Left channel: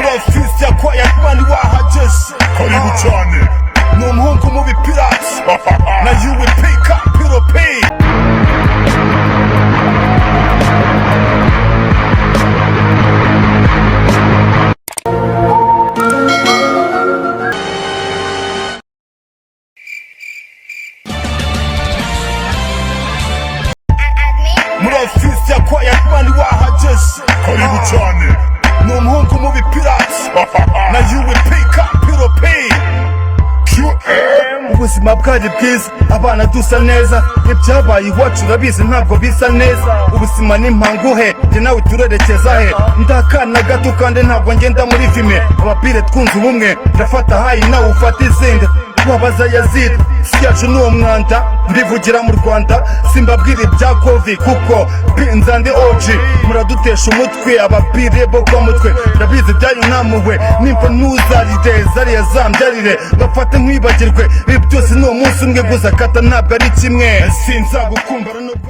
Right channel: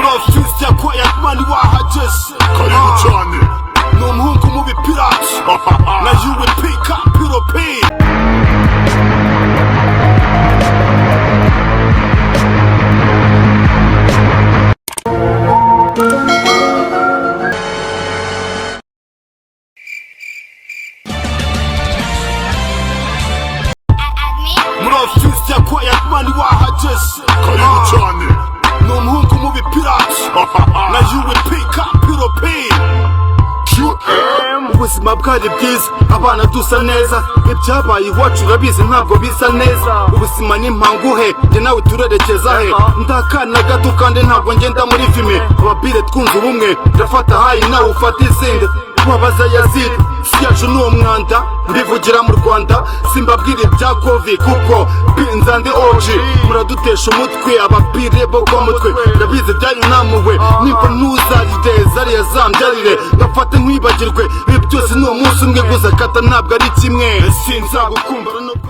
Murafuse ya quiet man wahageze karibu cyane ni umuhungu mubi pirate na UP Capital P. Murafuse ya quiet man wahageze karibu cyane ni umuhungu mubi pirate na UP Capital P. Ubuzima bwari bwiza, abana dusa neza, ibyabaye iwacu urabizi ntabwo bisa neza. Ubuzima ni mpanguhe, njye nawe turerekeza he? Ndakana gato kandi ntabwo ngenda muri filime. Abapire twunze ubumwe, ndafata hayi nawe ufata izindi. Wabaza Yazid, si yacu ni umwanda, mbivugira mu Rwanda, simbabwira ibya Covid kuko pinza ndi OG. Muradutesha umutwe, abapire bo kwa mutwe, ndabizi byanyu namuwe, nimba ntuzarire zariya zambyarire, ngafate nkwibagirwe. Ibi byose ni umunsi umwe gusa, kata ntabwo ari kimwe. Sinzagukumbara nubwo